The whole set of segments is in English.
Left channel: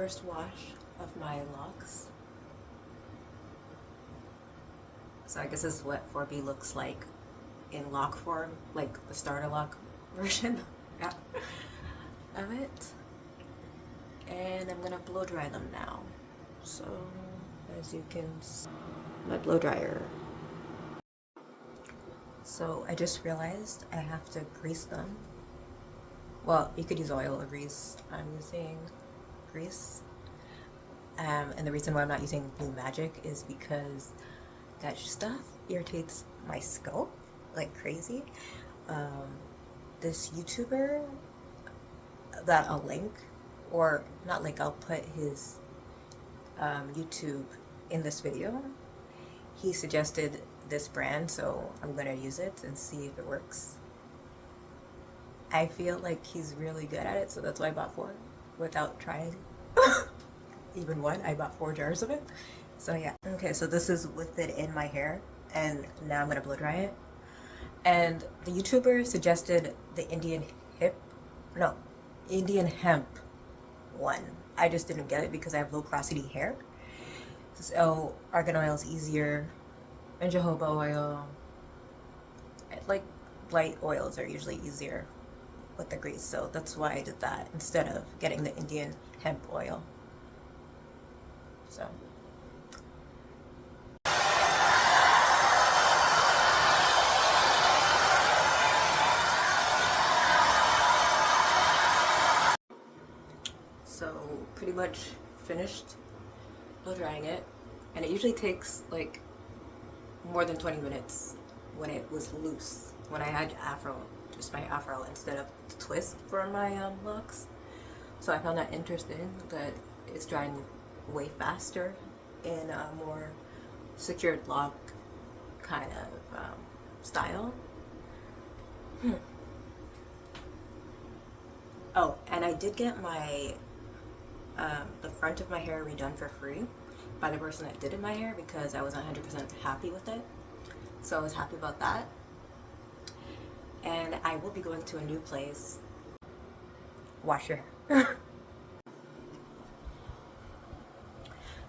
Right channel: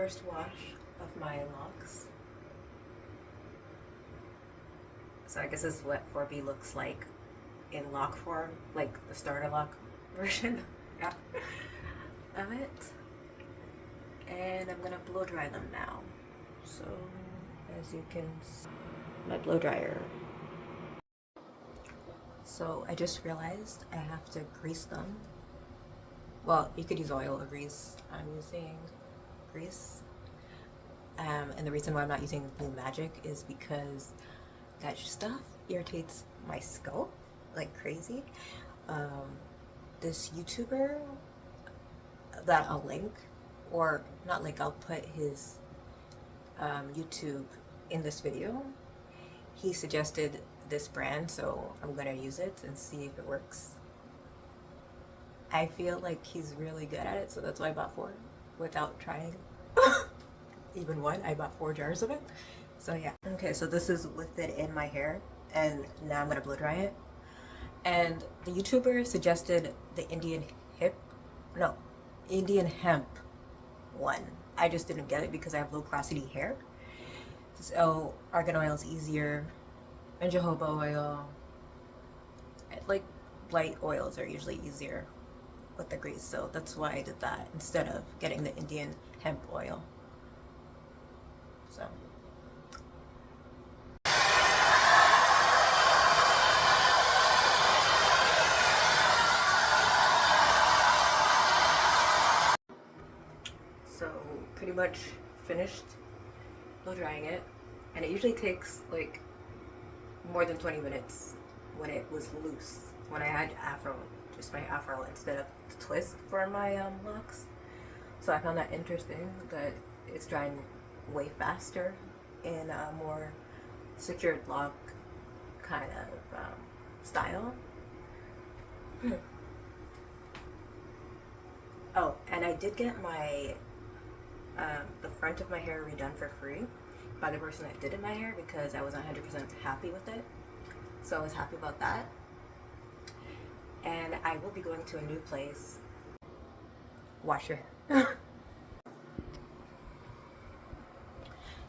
first wash of my locks. So I guess this is what 4B looks like in lock form, like the starter lock version of it. And I'm gonna blow dry them now. So as you can see, my blow dryer. So I just realized I have to grease them. Well, you could use oil or grease. I'm using grease. And the reason why I'm not using Blue Magic is because that stuff irritates my scalp like crazy. This YouTuber that I'll link, or not link, I'll put his YouTube in this video. He suggested this brand, so I'm gonna use it and see if it works. I feel like he's really good at it, so that's why I bought 4 without trying even 1. I bought 4 jars of it. So yeah. Okay, so this is with it in my hair, and now I'm gonna blow dry it. And the YouTuber suggested the Indian hemp one. I just didn't get it because I have low porosity hair. So argan oil is easier, and jojoba oil, like light oils are usually easier with the grease. So that's why I did that instead of getting the Indian hemp oil. So. So pretty much finished blow drying it, and it usually takes like more than 20 minutes when it was loose, when I had afro, just my afro instead of the twist for my locks. So I found that interesting that it's drying way faster in a more secured lock kind of style. Oh, and I did get my the front of my hair redone for free by the person that did my hair because I wasn't 100% happy with it. So I was happy about that. And I will be going to a new place. Wash your hair.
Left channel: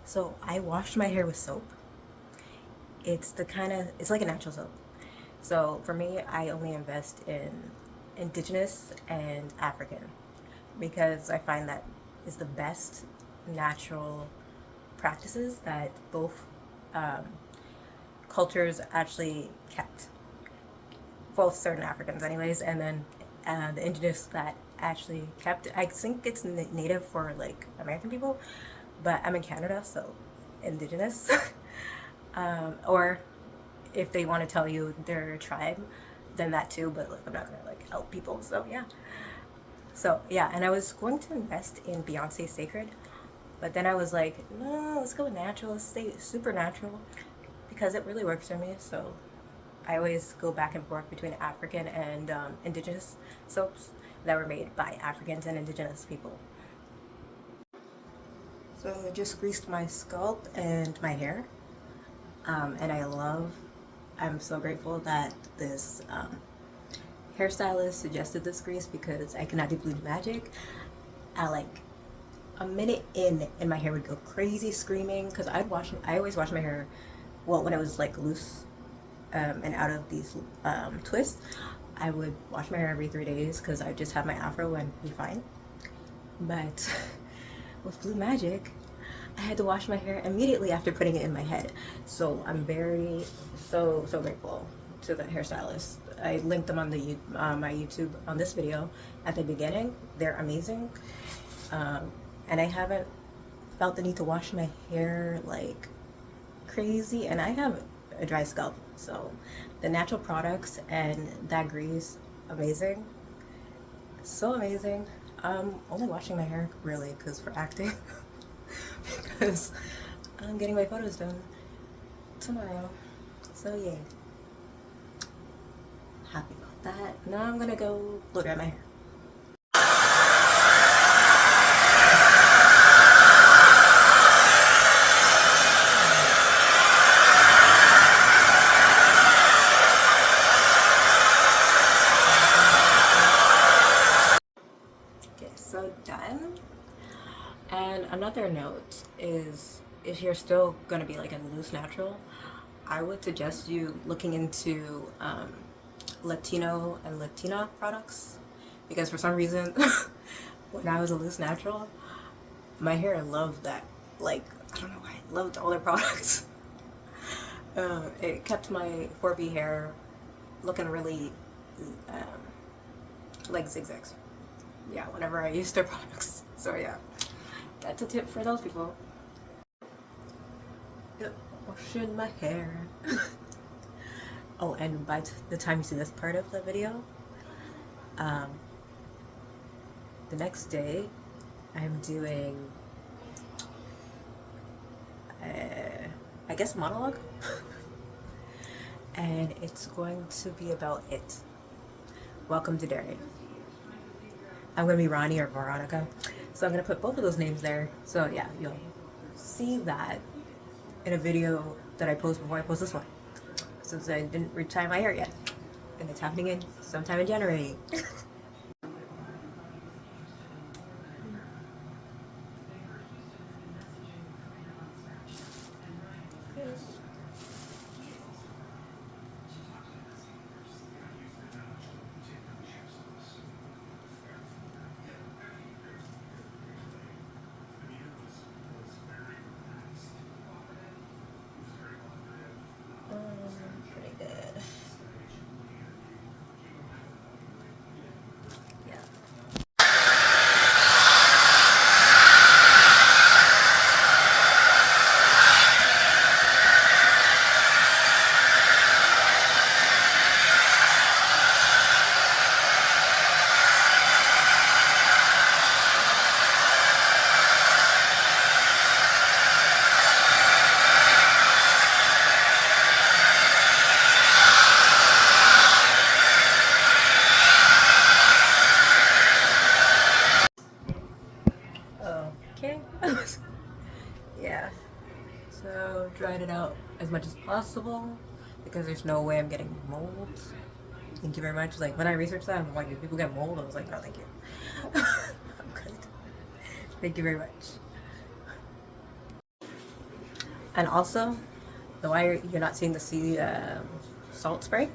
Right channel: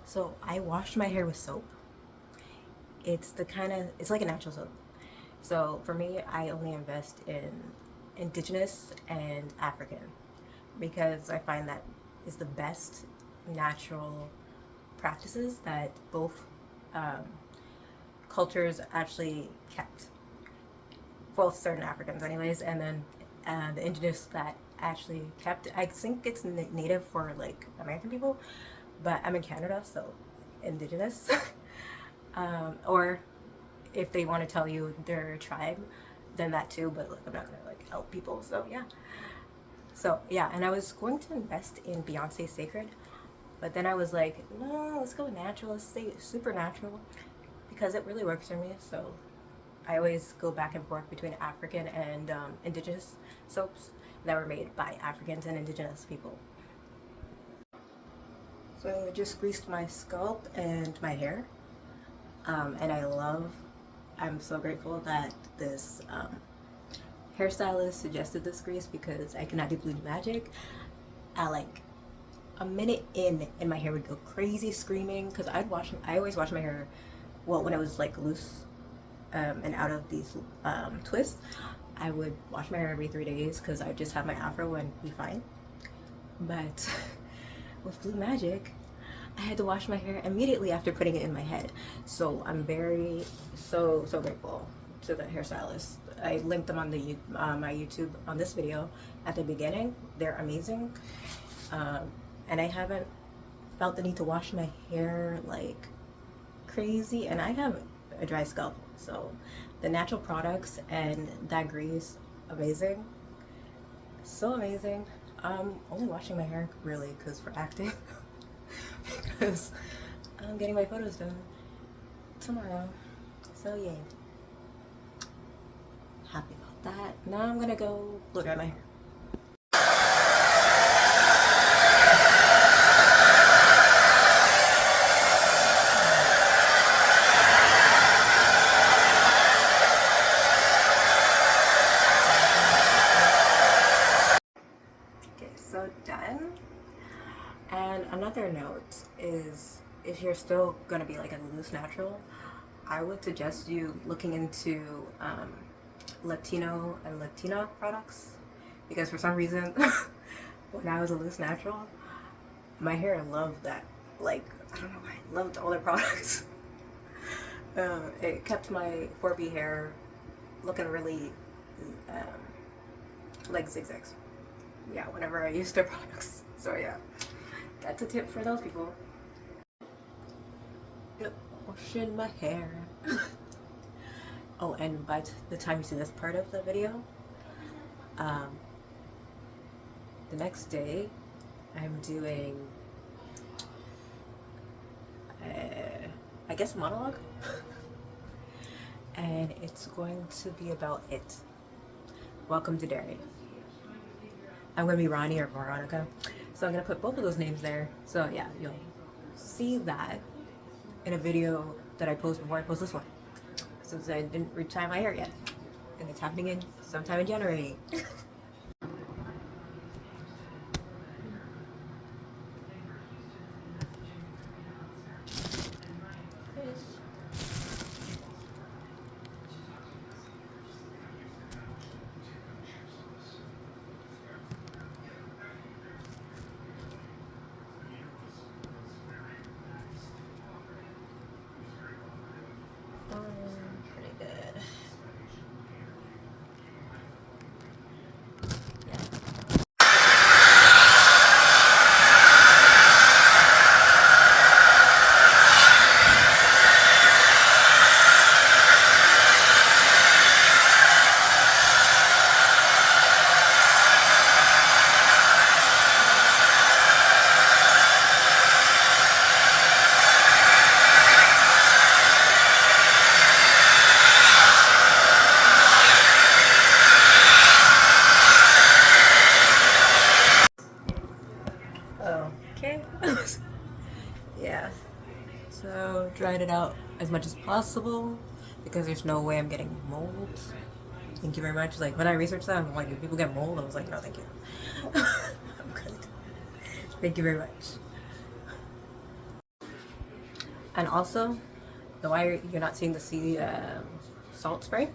So I washed my hair with soap. It's like a natural soap. So for me, I only invest in indigenous and African because I find that is the best natural practices that both cultures actually kept. Both certain Africans anyways, and then the indigenous that actually kept. I think it's native for like American people, but I'm in Canada, so indigenous. Or if they want to tell you their tribe, then that too, but like I'm not gonna like help people, so yeah. So yeah, and I was going to invest in Beyonce's Sacred, but then I was like, no, let's go natural, let's stay super natural, because it really works for me. So I always go back and forth between African and indigenous soaps that were made by Africans and indigenous people. So I just greased my scalp and my hair, and I'm so grateful that this hairstylist suggested this grease because I cannot do Blue Magic. At like a minute in, and my hair would go crazy screaming because I always wash my hair, well, when it was like loose and out of these twists. I would wash my hair every 3 days because I just have my afro and be fine. But with Blue Magic, I had to wash my hair immediately after putting it in my head. So I'm so grateful to the hairstylist. I linked them on the my YouTube on this video at the beginning. They're amazing, and I haven't felt the need to wash my hair like crazy, and I have a dry scalp, so the natural products and that grease, amazing, so amazing. I'm only washing my hair really because for acting because I'm getting my photos done tomorrow, so yay, happy about that. Now I'm gonna go blow dry my hair. So done, and another note is if you're still gonna be like a loose natural, I would suggest you looking into Latino and Latina products, because for some reason when I was a loose natural, my hair loved that. Like, I don't know why, I loved all their products. It kept my 4B hair looking really like zigzags. Yeah, whenever I used their products. So yeah, that's a tip for those people. Yep, washing my hair. Oh, and by the time you see this part of the video, the next day I'm doing I guess a monologue. And it's going to be about it. Welcome to Derry. I'm gonna be Ronnie or Veronica, so I'm gonna put both of those names there. So yeah, you'll see that in a video that I post before I post this one, since I didn't retie my hair yet, and it's happening in sometime in January. Pretty good. Yeah. Okay. Yeah. So dried it out as much as possible because there's no way I'm getting mold. Thank you very much. Like when I researched that, I'm like, do people get mold? I was like, no, thank you. I'm good. Thank you very much. And also, the why you're not seeing the sea salt spray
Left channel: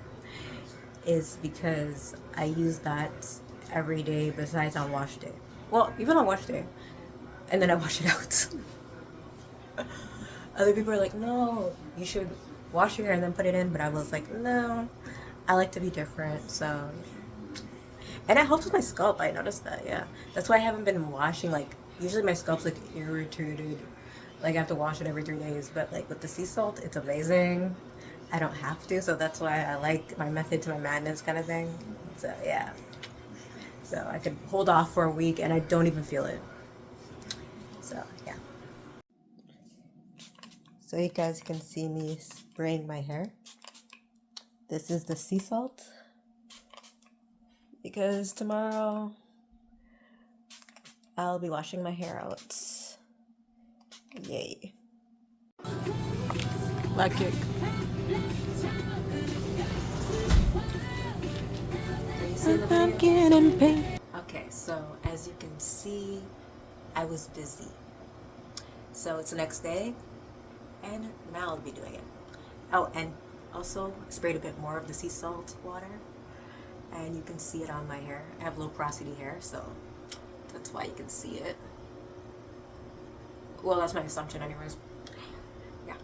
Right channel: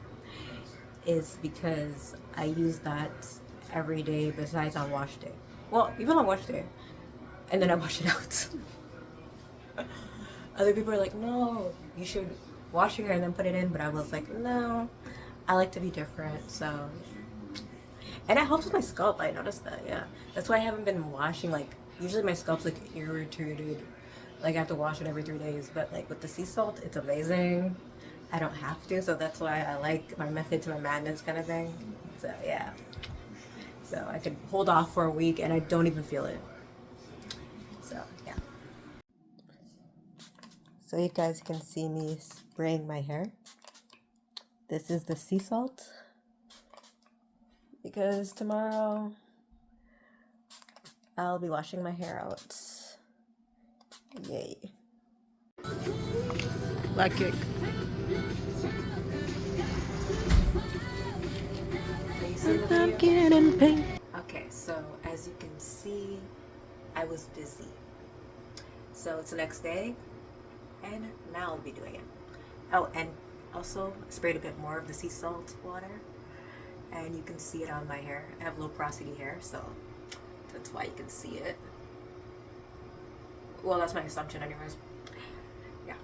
is because I use that every day besides on wash day. Well, even on wash day, and then I wash it out. Other people are like, no, you should wash your hair and then put it in, but I was like, no, I like to be different. So, and it helps with my scalp. I noticed that. Yeah, that's why I haven't been washing. Like, usually my scalp's like irritated, like I have to wash it every 3 days. But like with the sea salt, it's amazing. I don't have to, so that's why I like my method to my madness kind of thing. So yeah, so I could hold off for a week and I don't even feel it. So yeah. So you guys can see me spraying my hair. This is the sea salt, because tomorrow I'll be washing my hair out. Yay. Black cake. Are you seeing the video? Pumpkin and pink. Okay, so as you can see, I was busy. So it's the next day, and now I'll be doing it. Oh, and also sprayed a bit more of the sea salt water, and you can see it on my hair. I have low porosity hair, so that's why you can see it. Well, that's my assumption anyways. Yeah.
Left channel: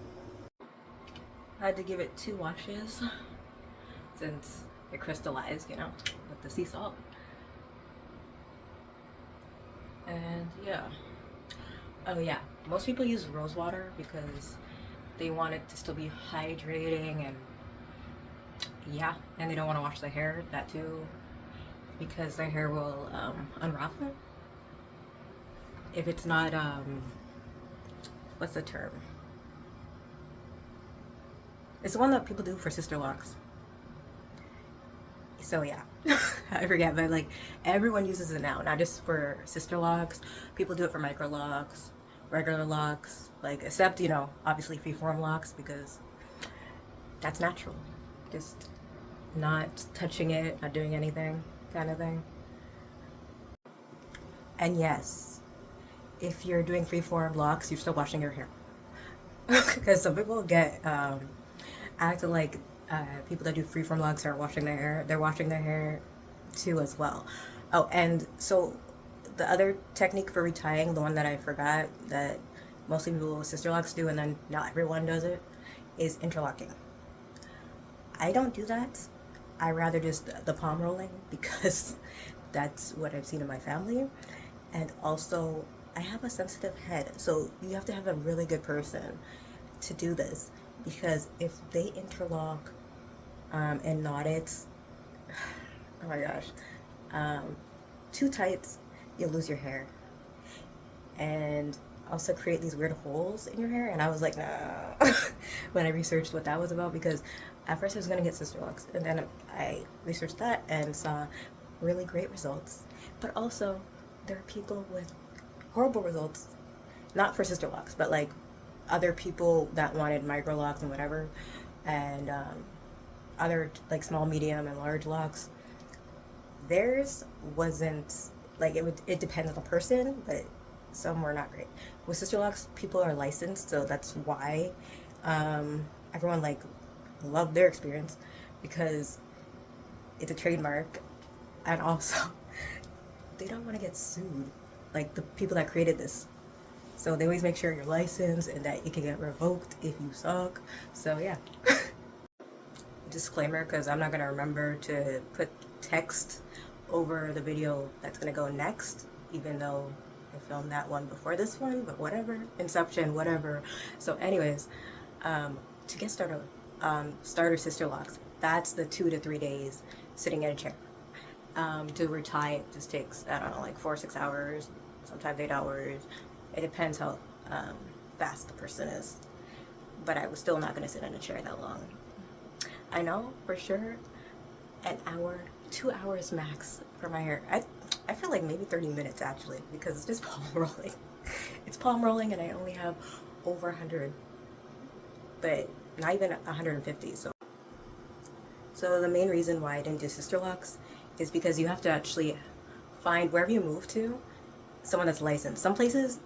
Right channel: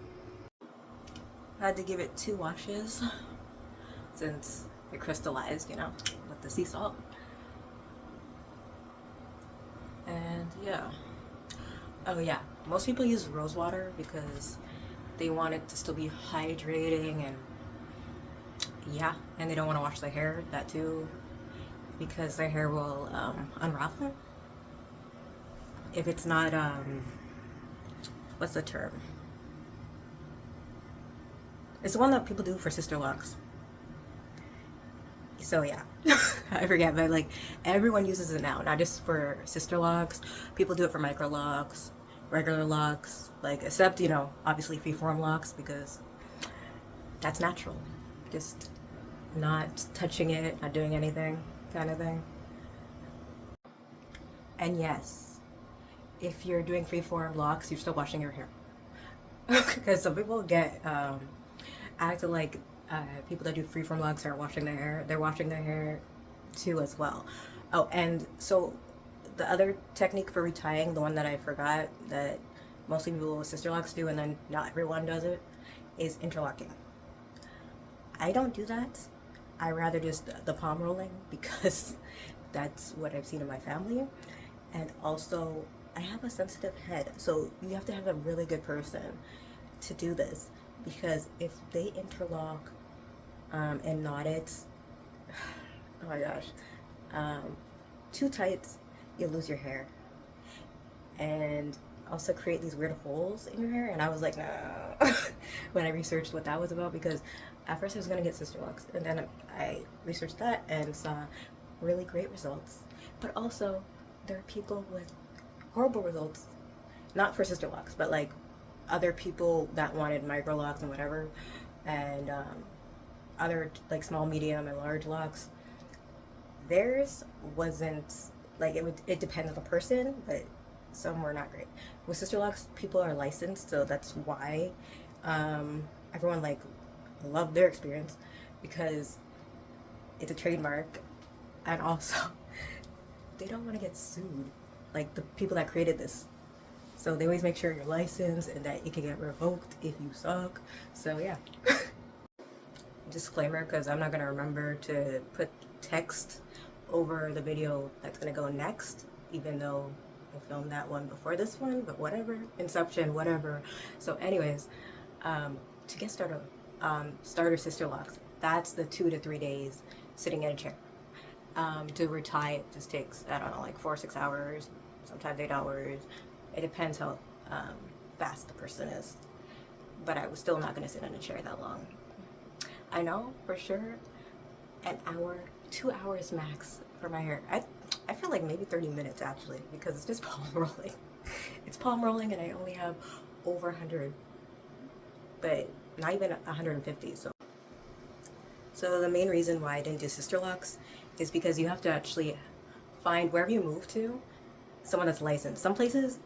I had to give it 2 washes since it crystallized, you know, with the sea salt. And yeah. Oh yeah, most people use rose water because they want it to still be hydrating, and yeah, and they don't want to wash their hair, that too, because their hair will unravel if it's not what's the term? It's the one that people do for sister locks. So yeah, I forget, but like everyone uses it now, not just for sister locks. People do it for micro locks, regular locks, like, except, you know, obviously freeform locks, because that's natural. Just not touching it, not doing anything kind of thing. And yes, if you're doing freeform locks, you're still washing your hair. Because some people get acting like people that do freeform locks aren't washing their hair. They're washing their hair too as well. Oh, and so the other technique for retying, the one that I forgot that mostly people with sister locks do and then not everyone does it, is interlocking. I don't do that. I rather just the palm rolling because that's what I've seen in my family. And also, I have a sensitive head, so you have to have a really good person to do this because if they interlock and knot it, oh my gosh, too tight, you'll lose your hair. And also create these weird holes in your hair. And I was like, no, when I researched what that was about, because at first I was gonna get sister locks, and then I researched that and saw really great results. But also, there are people with horrible results, not for sister locks, but like other people that wanted micro locks and whatever, and other like small, medium, and large locks. Theirs wasn't like it depends on the person, but some were not great. With sister locks, people are licensed, so that's why everyone like loved their experience because it's a trademark, and also they don't want to get sued, like the people that created this. So they always make sure you're licensed and that it can get revoked if you suck. So yeah. Disclaimer, because I'm not gonna remember to put text over the video that's gonna go next, even though I filmed that one before this one, but whatever, Inception, whatever. So anyways, to get started, starter sister locks, that's the 2 to 3 days sitting in a chair. To retie it just takes, I don't know, like 4 or 6 hours, sometimes 8 hours. It depends how fast the person is. But I was still not gonna sit in a chair that long. I know for sure an hour, 2 hours max for my hair. I feel like maybe 30 minutes actually, because it's just palm rolling. It's palm rolling and I only have over 100, but not even 150. So the main reason why I didn't do sister locks is because you have to actually find, wherever you move to, someone that's licensed. Some places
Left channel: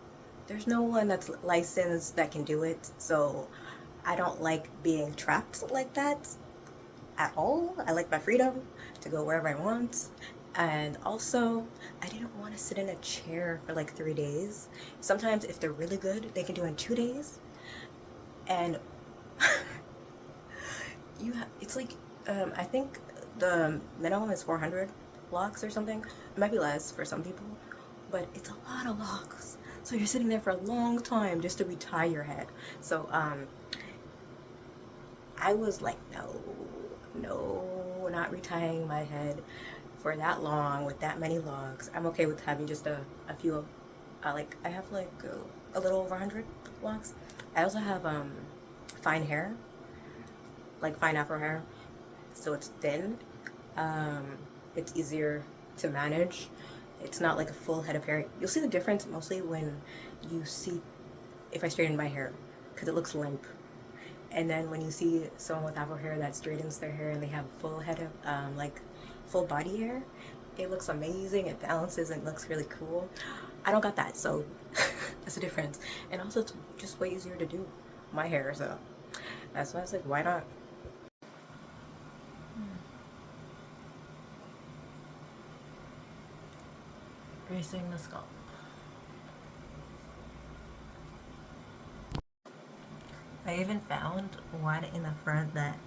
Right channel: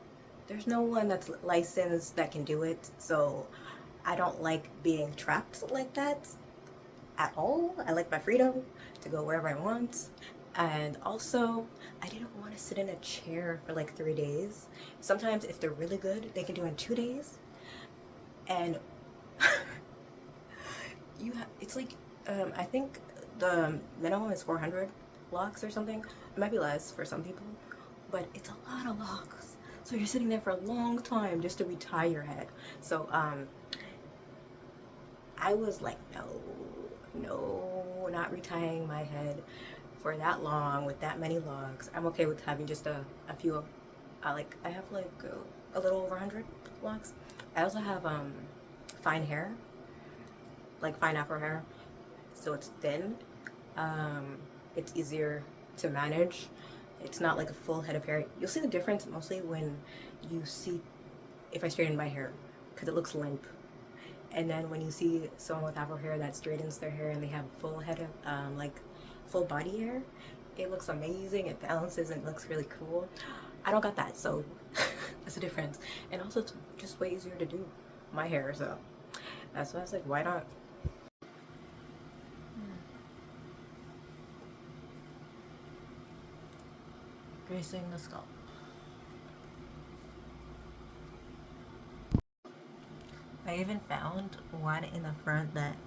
there's no one that's licensed that can do it, so I don't like being trapped like that at all. I like my freedom to go wherever I want. And also, I didn't want to sit in a chair for like 3 days. Sometimes if they're really good, they can do it in 2 days. And it's like, I think the minimum is 400 locks or something. It might be less for some people, but it's a lot of locks. So you're sitting there for a long time just to retie your head. So I was like, no, not retying my head for that long with that many locks. I'm okay with having just a few, like I have like a little over 100 locks. I also have fine hair, like fine afro hair, so it's thin. It's easier to manage. It's not like a full head of hair. You'll see the difference mostly when you see if I straighten my hair, because it looks limp. And then when you see someone with afro hair that straightens their hair and they have full head of like full body hair, it looks amazing. It balances and looks really cool. I don't got that, so that's the difference. And also it's just way easier to do my hair, so that's why I was like, why not? Gracing the scalp. I even found one in the front that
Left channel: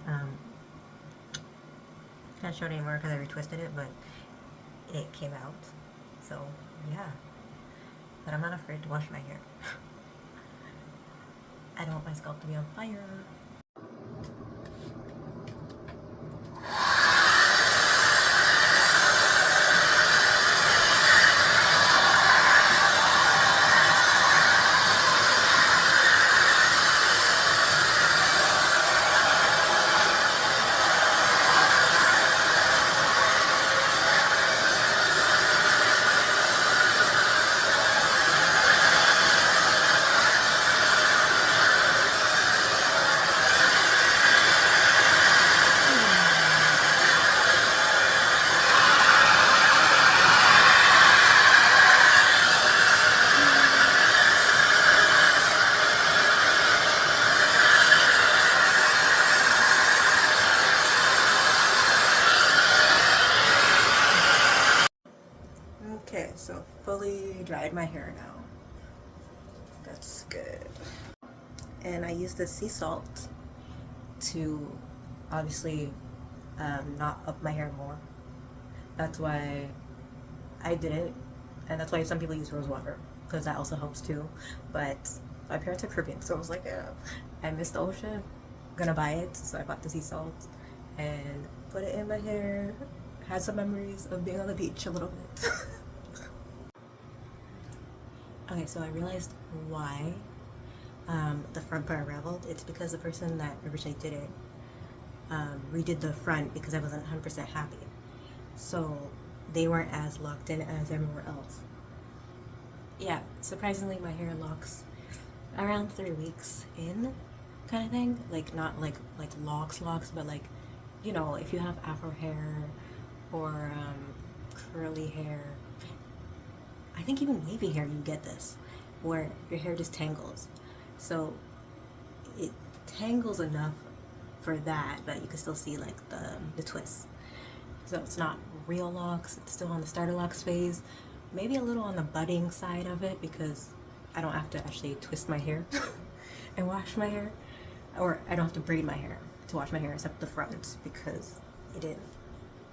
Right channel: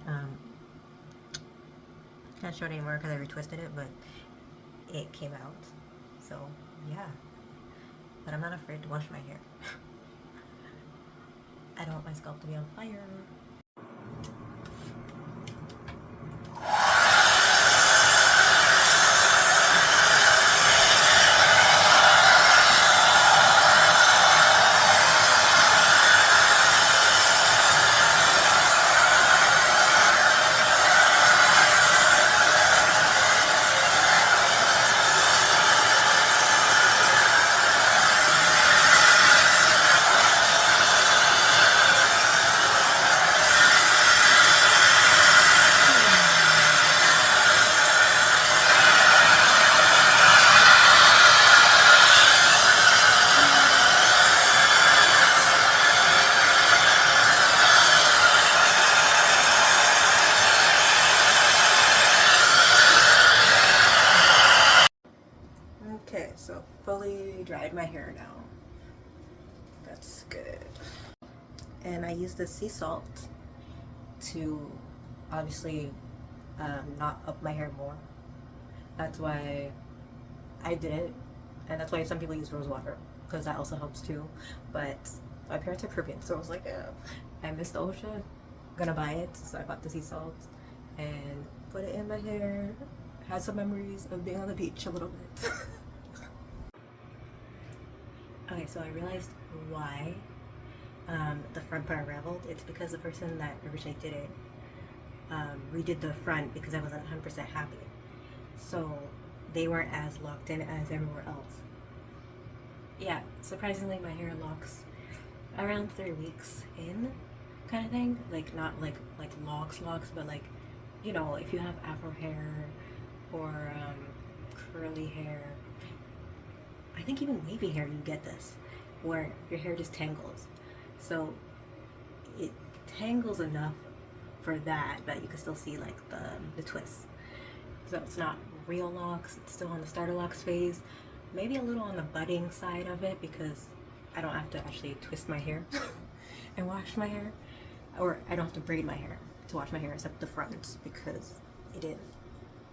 can't show it anymore because I retwisted it, but it came out. So yeah, but I'm not afraid to wash my hair. I don't want my scalp to be on fire. so fully dried my hair now. That's good. And I use the sea salt to obviously knot up my hair more. That's why I did it, and that's why some people use rose water, because that also helps too. But my parents are Caribbean, so I was like, yeah, I miss the ocean, I'm gonna buy it, so I bought the sea salt and put it in my hair. Had some memories of being on the beach a little bit. Okay, so I realized why the front part unraveled. It's because the person that originally did it redid the front because I wasn't 100% happy. So they weren't as locked in as everywhere else. Yeah, surprisingly, my hair locks around 3 weeks in, kind of thing. Like not like locks, but like, you know, if you have afro hair or curly hair, I think even wavy hair, you get this, where your hair just tangles. So it tangles enough for that, but you can still see like the twists. So it's not real locks, it's still on the starter locks phase. Maybe a little on the budding side of it because I don't have to actually twist my hair and wash my hair. Or I don't have to braid my hair to wash my hair except the front because it didn't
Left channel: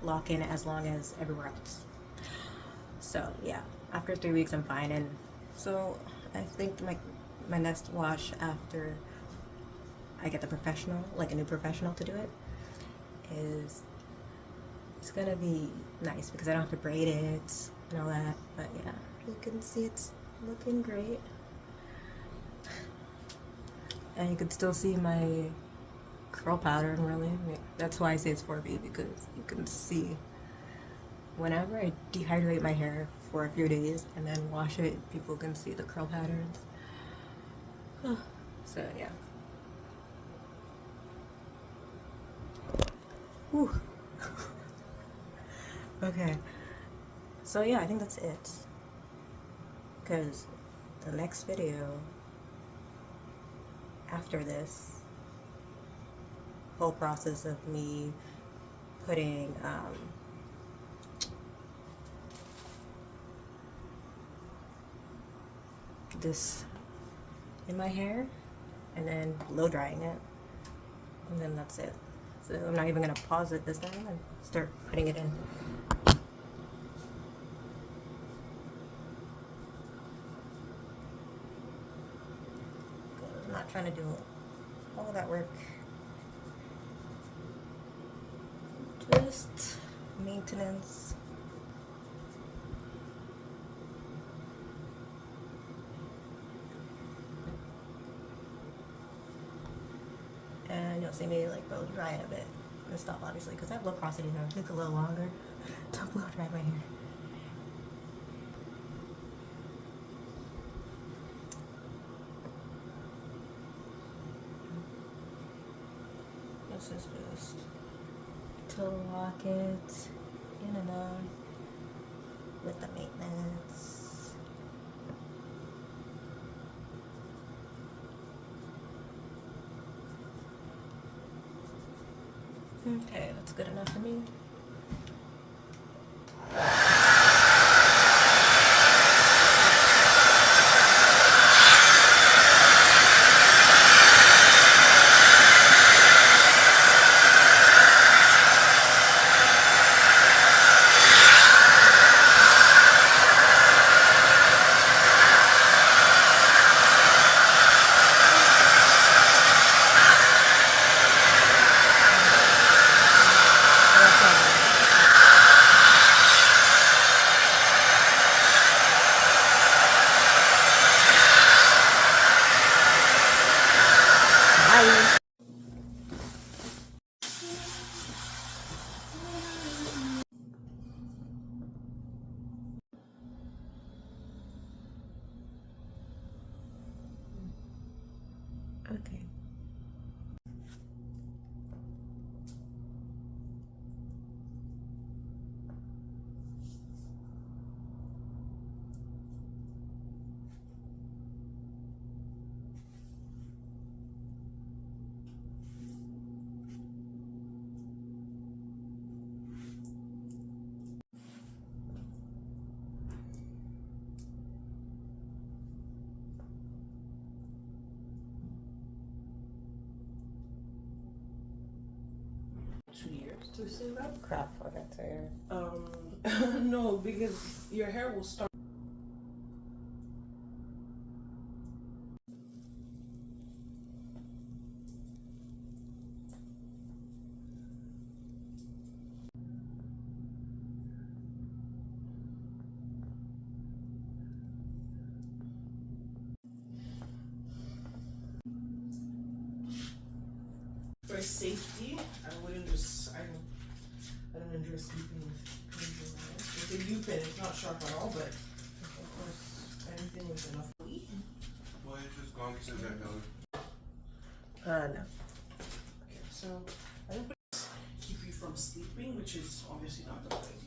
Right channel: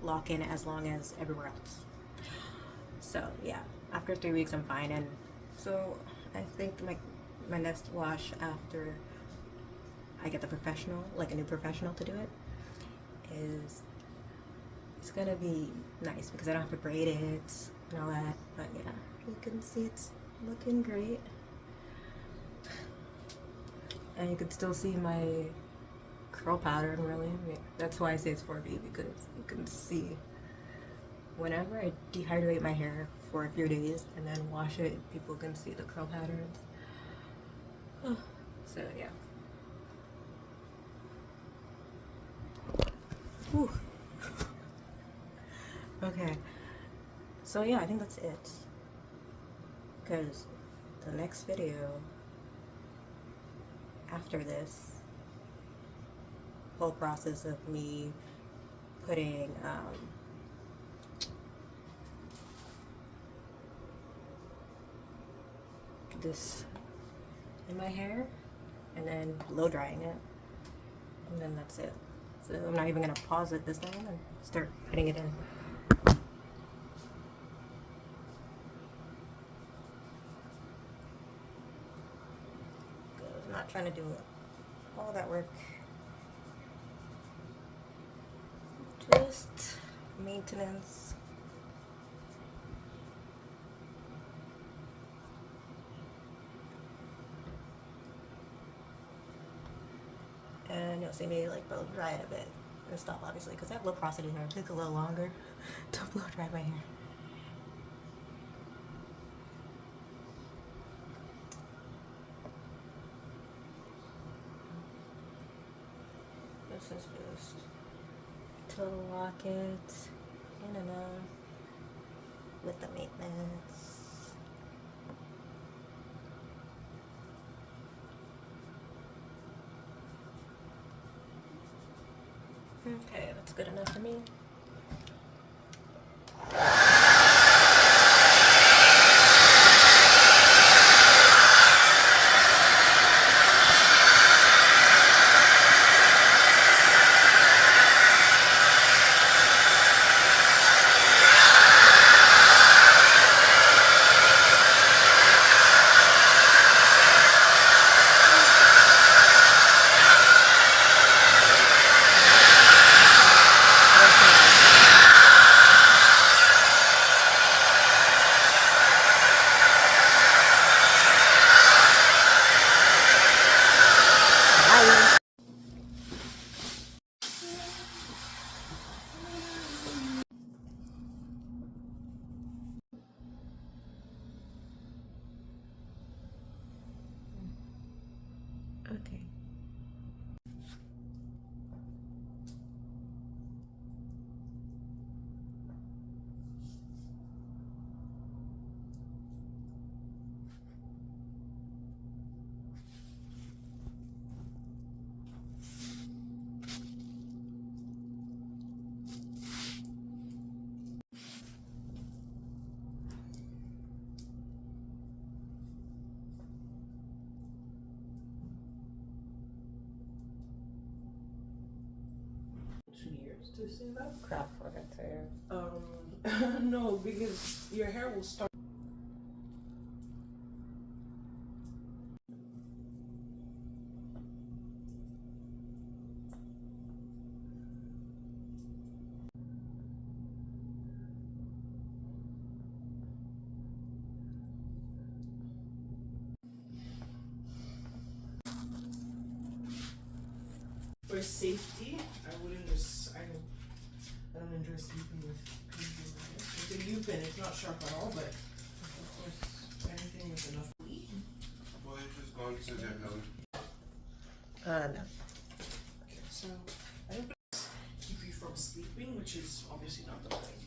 lock in as long as everywhere else. So yeah, after 3 weeks I'm fine. And so I think my next wash after I get the professional, like a new professional to do it, is it's gonna be nice because I don't have to braid it and all that. But yeah, you can see it's looking great. And you can still see my curl pattern, really. That's why I say it's 4B, because you can see whenever I dehydrate my hair for a few days and then wash it, people can see the curl patterns. So yeah. Whew. Okay. So yeah, I think that's it. Because the next video after this whole process of me putting this in my hair and then blow drying it, and then that's it. So I'm not even gonna pause it this time and start putting it in. I'm not trying to do all that work. Just maintenance. And you'll see me like blow dry it a bit and stop, obviously, because I have low porosity hair. It takes a little longer to blow dry my hair. This is just to lock it in and out with the maintenance. Okay, that's good enough for me. Bye. Okay. to stand up? Crap for that hair. No, because your hair will start. For safety, I wouldn't just. I don't enjoy sleeping with pins in my hair. It's a U-pin. It's not sharp at all, but of course, anything with enough. Well, you just gone to that Helen. No. Okay, so I don't keep you from sleeping, which is obviously not the point.